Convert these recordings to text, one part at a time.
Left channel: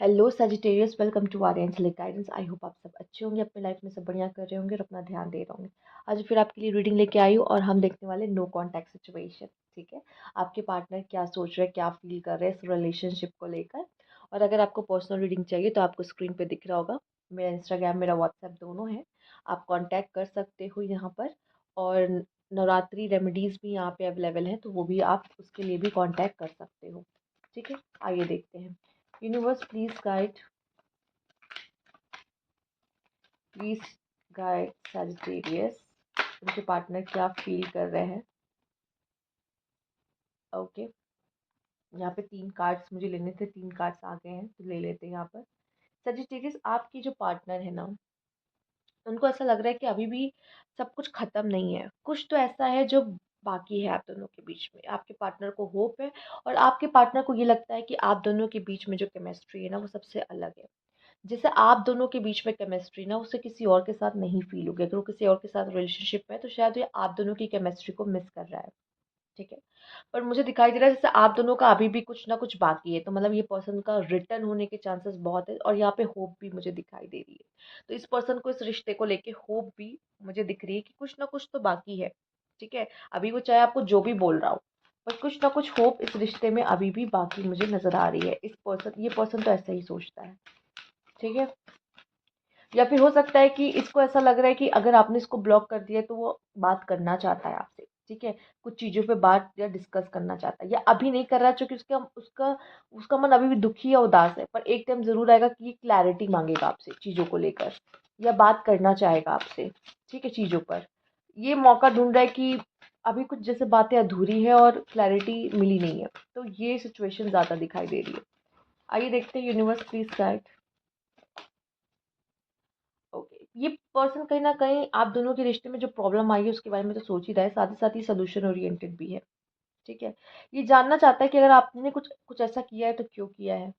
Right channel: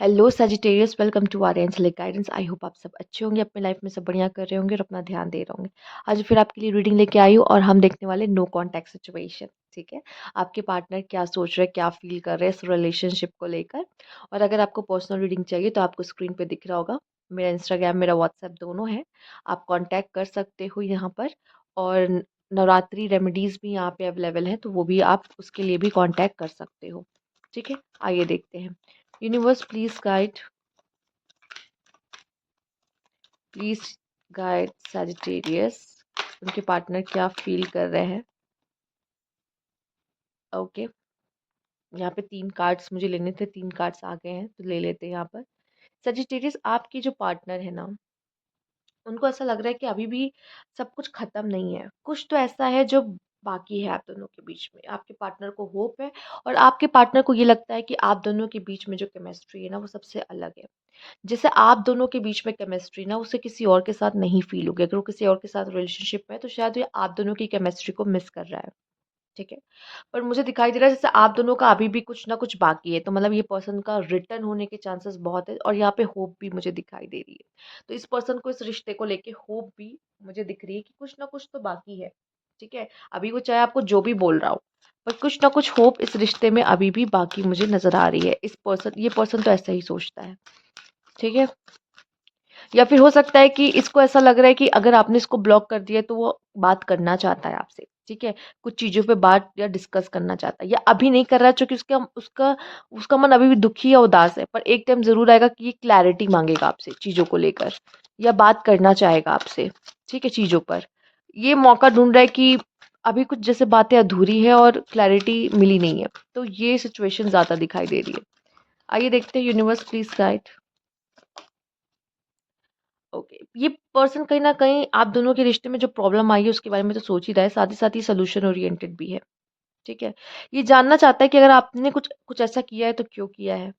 Hello Sagittarius, welcome to our angelic guidance. I hope आप सब अच्छे होंगे, अपने लाइफ में सब बढ़िया कर रहे होंगे और अपना ध्यान दे रहे होंगे। आज फिर आपके लिए रीडिंग लेके आई हूँ और हम देखने वाले नो कॉन्टैक्ट सिचुएशन। ठीक है, आपके पार्टनर क्या सोच रहे हैं, क्या फील कर रहे हैं इस रिलेशनशिप को लेकर। और अगर आपको पर्सनल रीडिंग चाहिए तो आपको स्क्रीन पे दिख रहा होगा, मेरा इंस्टाग्राम मेरा व्हाट्सएप दोनों है, आप कॉन्टैक्ट कर सकते हो यहाँ पर। और नवरात्रि रेमेडीज़ भी यहाँ पे अवेलेबल है, तो वो भी आप उसके लिए भी कॉन्टैक्ट कर सकते हो। ठीक है, आइए देखते हैं। यूनिवर्स प्लीज गाइड सजिटेरियस, उनके पार्टनर क्या फील कर रहे हैं। ओके, यहाँ पे 3 कार्ड्स मुझे लेने थे, 3 कार्ड्स आ गए हैं तो ले लेते हैं यहाँ पर। सजिटेरियस, आपकी जो पार्टनर है ना, उनको ऐसा लग रहा है कि अभी भी सब कुछ खत्म नहीं है, कुछ तो ऐसा है जो बाकी है आप दोनों के बीच में। आपके पार्टनर को होप है और आपके पार्टनर को ये लगता है कि आप दोनों के बीच में जो केमिस्ट्री है ना, वो सबसे अलग है। जैसे आप दोनों के बीच में केमिस्ट्री ना उसे किसी और के साथ नहीं फील होगी। अगर वो किसी और के साथ रिलेशनशिप में है तो शायद ये आप दोनों की केमिस्ट्री को मिस कर रहा है। ठीक है, पर मुझे दिखाई दे रहा है जैसे आप दोनों का अभी भी कुछ ना कुछ बाकी है, तो मतलब ये पर्सन का रिटर्न होने के चांसेस बहुत है। और यहाँ पे होप भी मुझे दिखाई दे रही है, तो इस पर्सन को इस रिश्ते को लेके होप भी मुझे दिख रही है कि कुछ ना कुछ तो बाकी है। ठीक है, अभी वो चाहे आपको जो भी बोल रहा हो, पर कुछ ना कुछ होप इस रिश्ते में अभी भी बाकी मुझे नजर आ रही है। ये पर्सन तो ऐसा ही सोचता है। ठीक है, या फिर हो सकता है कि इसको ऐसा लग रहा है कि अगर आपने इसको ब्लॉक कर दिया है, तो वो बात करना चाहता है आपसे। ठीक है, कुछ चीज़ों पे बात या डिस्कस करना चाहता है, या अभी नहीं कर रहा है क्योंकि उसका उसका उसका मन अभी भी दुखी या उदास है। पर एक टाइम ज़रूर आएगा कि ये क्लैरिटी मांगेगा आपसे चीज़ों को लेकर, या बात करना चाहेगा आपसे। ठीक है, चीज़ों पर ये मौका ढूंढ रहा है कि अभी कुछ जैसे बातें अधूरी है और क्लैरिटी मिली नहीं है, तो ये सिचुएशन ज़्यादा दिखाई दे रही है। आइए देखते हैं, यूनिवर्स प्लीज गाइड। ओके, ये पर्सन कहीं न कहीं आप दोनों के रिश्ते में जो प्रॉब्लम आई है उसके बारे में तो सोच ही रहा है, साथ ही सॉल्यूशन ओरिएंटेड भी है। ठीक है? ये जानना चाहता है कि अगर आपने कुछ कुछ ऐसा किया है तो क्यों किया है?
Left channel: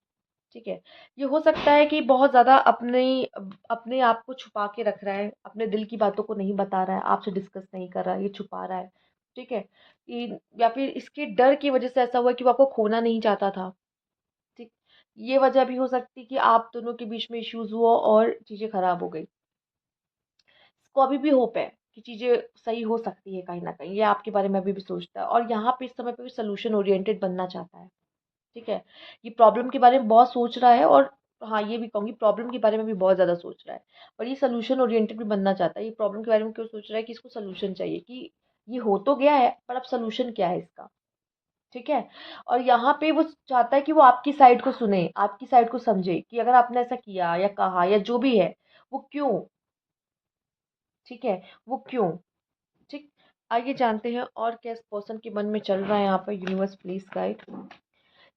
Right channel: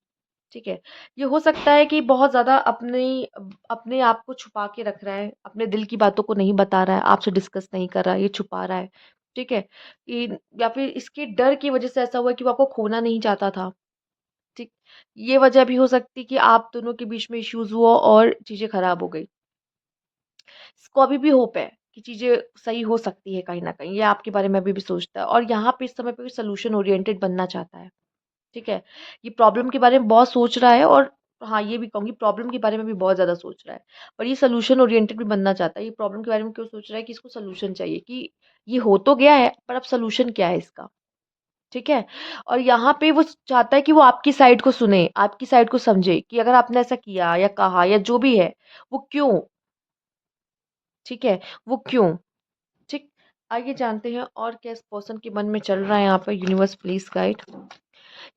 ठीक है? ये हो सकता है कि बहुत ज़्यादा अपने आप को छुपा के रख रहा है, अपने दिल की बातों को नहीं बता रहा है, आपसे डिस्कस नहीं कर रहा है, ये छुपा रहा है। ठीक है? इन या फिर इसके डर की वज़ह से ऐसा हुआ है कि वो आपको खोना नहीं चाहता था। ठीक? ये वज़ह भी हो सकती है कि आप दोनों के बीच में इश्यूज़ हुआ और चीज़ें खराब हो गई। इसको अभी भी होप है कि चीज़ें सही हो सकती है कहीं न कहीं, ये आपके बारे में अभी भी सोचता है और यहाँ पे इस समय पे सॉल्यूशन ओरिएंटेड बनना चाहता है। ठीक है? ये प्रॉब्लम के बारे में बहुत सोच रहा है और हाँ, ये भी कहूँगी प्रॉब्लम के बारे में भी बहुत ज़्यादा सोच रहा है। पर ये सॉल्यूशन ओरिएंटेड भी बनना चाहता है। ये प्रॉब्लम के बारे में क्यों सोच रहा है कि इसको सॉल्यूशन चाहिए, कि ये हो तो गया है पर अब सॉल्यूशन क्या है इसका? ठीक है? और यहाँ पे वो चाहता है कि वो आपकी साइड को सुने, आपकी साइड को समझे कि अगर आपने ऐसा किया या कहा या जो भी है, वो क्यों? ठीक है? वो क्यों? ठीक, आइए जानते हैं और क्या इस पर्सन के मन में चल रहा है यहाँ पे। Universe please guide.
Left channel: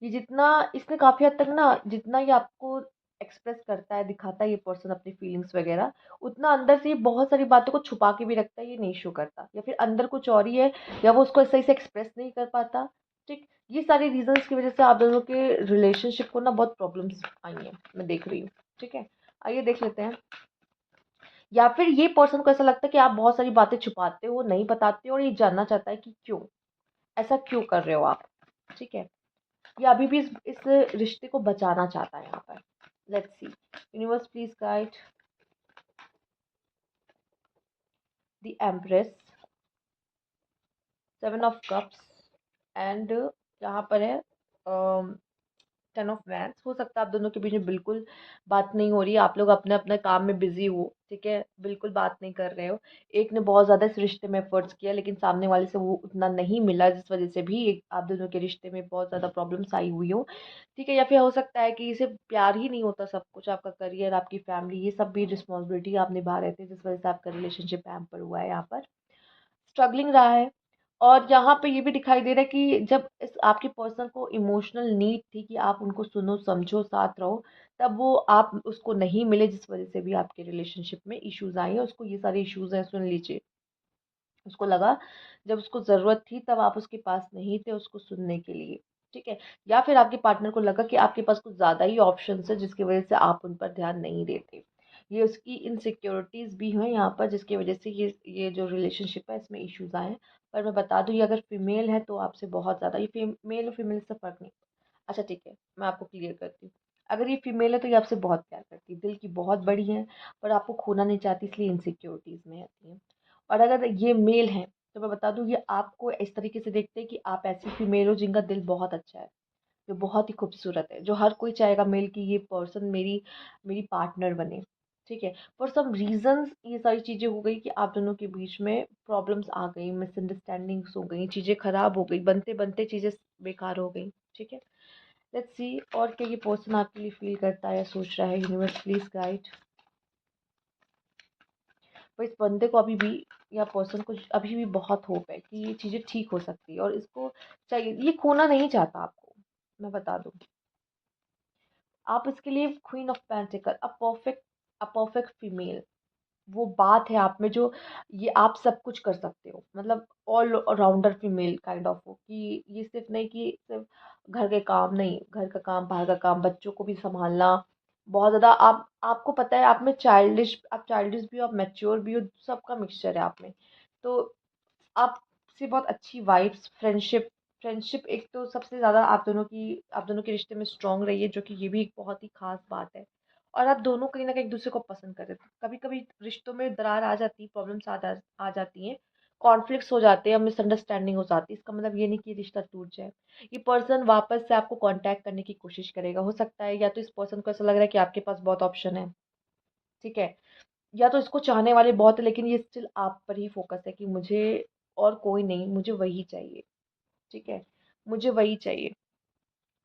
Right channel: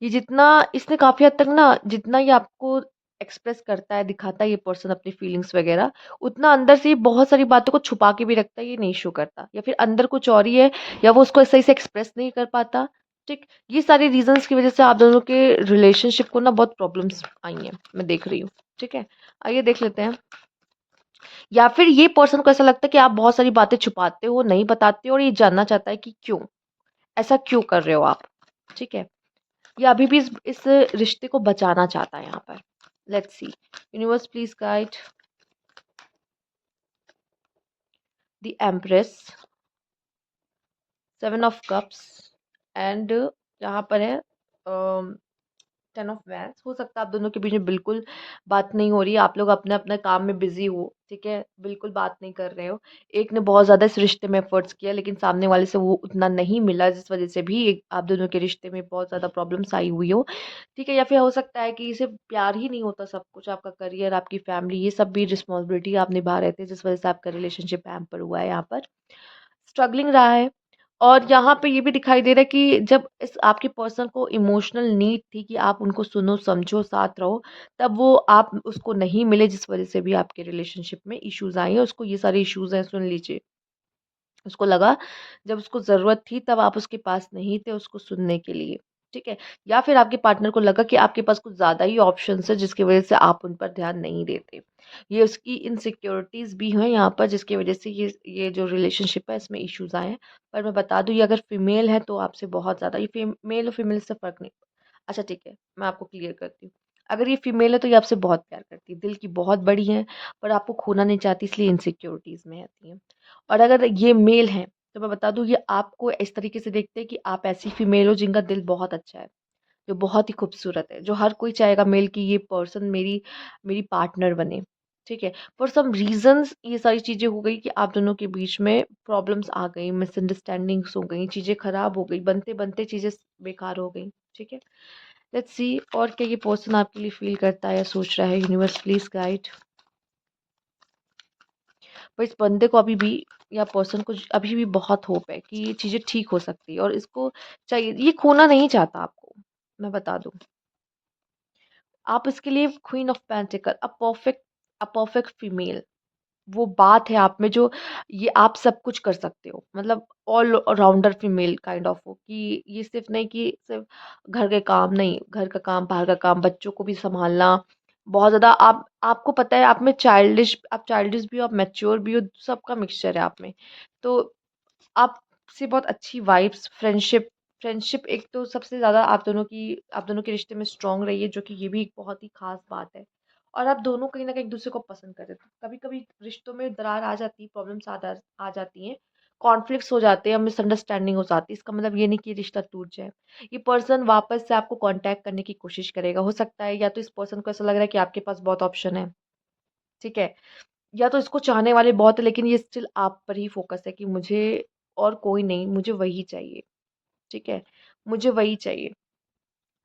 ये जितना इसने काफ़ी हद तक ना, जितना ये आपको एक्सप्रेस करता है, दिखाता है ये पर्सन अपनी फीलिंग्स वगैरह, उतना अंदर से ये बहुत सारी बातों को छुपा के भी रखता है, ये नहीं शो करता, या फिर अंदर कुछ और ही है, या वो उसको सही से एक्सप्रेस नहीं कर पाता। ठीक, ये सारे रीजंस की वजह से आप दोनों के रिलेशनशिप को ना बहुत प्रॉब्लम्स आई हैं, मैं देख रही हूँ। ठीक है, आइए देख लेते हैं। या फिर ये पर्सन को ऐसा लगता है कि आप बहुत सारी बातें छुपाते हो, नहीं बताते हो, और ये जानना चाहता है कि क्यों? ऐसा क्यों कर रहे हो आप? ठीक है? ये अभी भी इस रिश्ते को बचाना चाहता है यहाँ पर। Let's see, universe please guide the empress, 7 of cups and यहाँ पर है 10 ऑफ वैंस। हो सकता है आप दोनों के बीच में बिल्कुल बात नहीं हो रही है, आप लोग अपने अपने काम में बिजी हो। ठीक है, बिल्कुल बात नहीं कर रहे हो। एक ने बहुत ज़्यादा इस रिश्ते में एफर्ट्स किया लेकिन सामने वाले से वो उतना नहीं मिला, जिस वजह से भी आप दोनों के रिश्ते में बहुत ज़्यादा प्रॉब्लम्स आई हुई हो। ठीक है, या फिर हो सकता है कि इसे प्यार ही नहीं होता, सब कुछ आपका करियर, आपकी फैमिली, ये सब भी रिस्पॉन्सिबिलिटी आप निभा रहे थे, जिस वजह से आपका रिलेशनशिप हैम्पर हुआ है, यहाँ पर स्ट्रगलिंग रहा है। और यहाँ पे ये भी दिखाई दे रहा है कि जब इस आपके पर्सन को इमोशनल नीड थी कि आप उनको सुनो, समझो, साथ रहो, तब वो आप उसको नहीं मिले, जिस वजह से भी आपके रिलेशनशिप में इश्यूज़ आए हैं। उसको ये सारे इश्यूज़ हैं, सुन लीजिए। उसको लगा जब उसको ज़रूरत थी तब आप उसके पास नहीं थे उसको सुनने के लिए। ठीक है? या फिर आपके पार्टनर को लगा कि आपके पास कुछ ज़्यादा ही ऑप्शंस हैं जिसकी वज़ह से आप उन पर ध्यान नहीं देते। ये उसकी इनसिक्योरिटीज़ भी हैं यहाँ पर, जिसकी वज़ह से ये जो रिलेशनशिप है इसमें इश्यूज़ आए हैं। पर मैं बता दूँ, ये अगर फीमेल है तो आपसे बहुत ज़्यादा, ये मेल और फीमेल से फ़र्क नहीं। अच्छा ठीक है, मैं आपको क्लियर करती हूँ। अगर ये फीमेल है तो ये आपसे बहुत प्यार करती है, दिल की बहुत बड़ी है, पर आपको खोना नहीं चाहती, इसलिए इनसिक्योरिटीज़ में रहती हैं। और अगर ये मेल हैं, तो मैं बता दूँ ये आपको इस तरीके से देखते हैं कि आप ऐसी फीमेल हो जिनका दिल बहुत अच्छा है, जो बहुत ही खूबसूरत है, जो हर कोई चाहेगा मेल कि ये पर्सन मेरी मेरी पार्टनर बने, ठीक है? फॉर सम रीज़न्स ये सारी चीज़ें हो गई कि आप दोनों के बीच में प्रॉब्लम्स आ गई, मिसअंडरस्टैंडिंग्स हो गई, चीज़ें खराब हो गई, बनते-बनते चीज़ें बेकार हो गई, ठीक है? लेट्स सी और क्या ये पर्सन आपके लिए फ़ील करता है या सोच रहा है, यूनिवर्स प्लीज़ गाइड। पर इस बंदे को अभी भी या पर्सन को अभी भी बहुत होप है कि ये चीज़ें ठीक हो सकती है और इसको चाहिए, ये खोना नहीं चाहता आपको, मैं बता दूँ। आप इसके लिए queen of pentacle, a perfect female, वो बात है आप में जो ये आप सब कुछ कर सकते हो, मतलब all rounder female kind of हो कि ये सिर्फ नहीं कि सिर्फ घर के काम नहीं, घर का काम, बाहर का काम, बच्चों को भी संभालना, बहुत ज़्यादा आप, आपको पता है आप में चाइल्डिश भी हो, आप मैच्योर भी हो, सबका मिक्सचर है आप में। तो आपसे बहुत अच्छी वाइब्स, फ्रेंडशिप एक तो सबसे ज़्यादा आप दोनों के रिश्ते में स्ट्रॉन्ग रही है, जो कि ये भी एक बहुत ही ख़ास बात है। और आप दोनों कहीं न कहीं एक-दूसरे को पसंद कर रहे थे। कभी-कभी रिश्तों में दरार आ जाती है, प्रॉब्लम्स आ जाती हैं, कॉन्फ्लिक्ट्स हो जाते हैं, मिसअंडरस्टैंडिंग हो जाती है। इसका मतलब ये नहीं कि रिश्ता टूट जाए। ये पर्सन वापस से आपको कॉन्टैक्ट करने की कोशिश करेगा। हो सकता है या तो इस पर्सन को ऐसा लग रहा है कि आपके पास बहुत ऑप्शन है, ठीक है? या तो इसको चाहने वाले बहुत हैं, लेकिन ये स्टिल आप पर ही फ़ोकस है कि मुझे और कोई नहीं, मुझे वही चाहिए, ठीक है? मुझे वही चाहिए।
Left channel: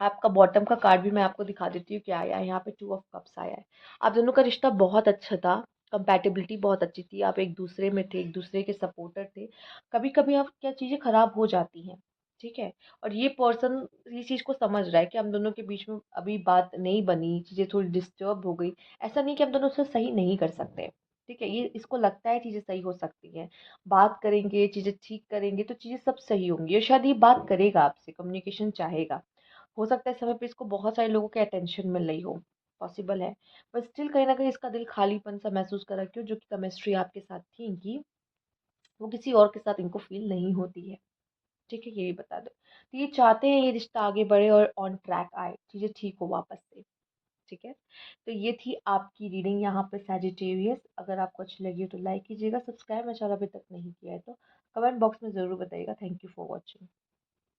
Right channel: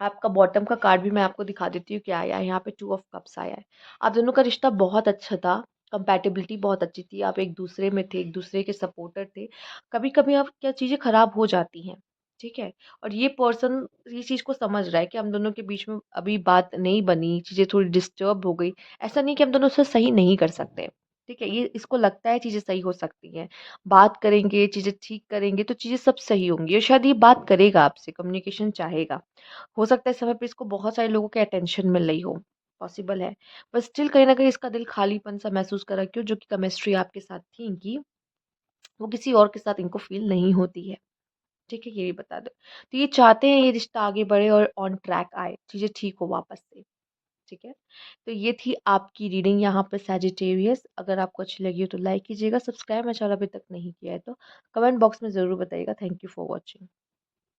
आपका बॉटम का कार्ड भी मैं आपको दिखा देती हूँ क्या आया है, यहाँ पे 2 ऑफ कप्स आया है। आप दोनों का रिश्ता बहुत अच्छा था, कंपैटिबिलिटी बहुत अच्छी थी, आप एक-दूसरे में थे, एक-दूसरे के सपोर्टर थे। कभी-कभी अब क्या चीज़ें खराब हो जाती हैं, ठीक है? और ये पर्सन ये चीज़ को समझ रहा है कि हम दोनों के बीच में अभी बात नहीं बनी, चीज़ें थोड़ी डिस्टर्ब हो गई। ऐसा नहीं कि हम दोनों उसे सही नहीं कर सकते, ठीक है? ये इसको लगता है चीज़ें सही हो सकती हैं। बात करेंगे, चीज़ें ठीक करेंगे तो चीज़ें सब सही होंगी और शायद ये बात करेगा आपसे, कम्युनिकेशन चाहेगा। हो सकता है इस समय पे इसको बहुत सारे लोगों के अटेंशन मिल रही हो, पॉसिबल है। पर स्टिल कहीं न कहीं इसका दिल खालीपन-सा महसूस कर रहा है, क्यों? जो कि केमिस्ट्री आपके साथ थी इनकी, वो किसी और के साथ इनको फ़ील नहीं होती है, ठीक है? ये भी बता दो। तो ये चाहते हैं ये रिश्ता आगे बढ़े और ऑन ट्रैक आए, चीज़ें ठीक हो वापस से, ठीक है? तो ये थी आपकी रीडिंग यहाँ पे सैजिटेरियस। अगर आपको अच्छी लगी हो तो लाइक कीजिएगा, सब्सक्राइब मेरा चैनल अभी तक नहीं किया है तो कमेंट बॉक्स में ज़रूर बताइएगा। Thank you for watching.